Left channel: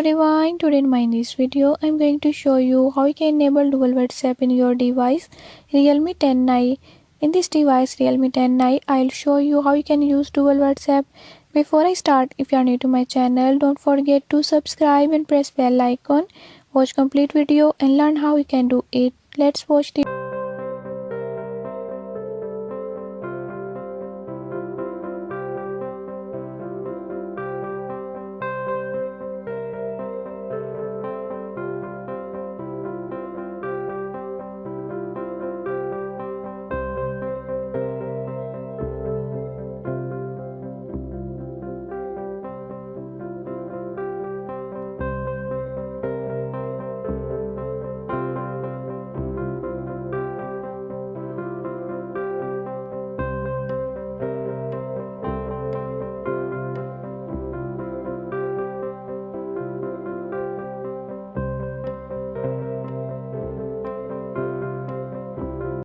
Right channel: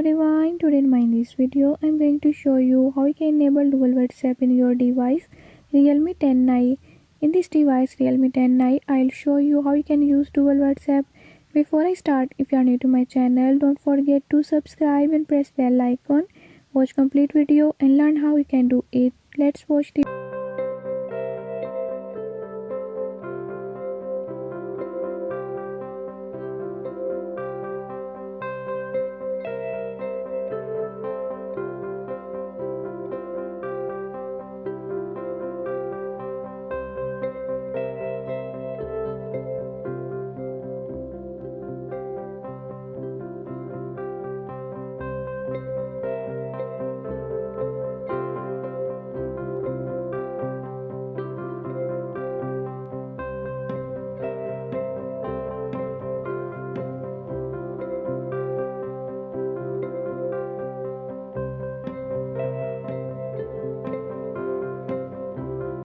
everyone, today in this video I'm going to show you how you can enable dual WhatsApp in your device Realme 10i. In this device Realme 10i, I'll show you how you can use dual WhatsApp. Before I start, if you are new to my channel, don't forget to subscribe and press bell icon. Watch complete video and learn how you can do it. Let's watch the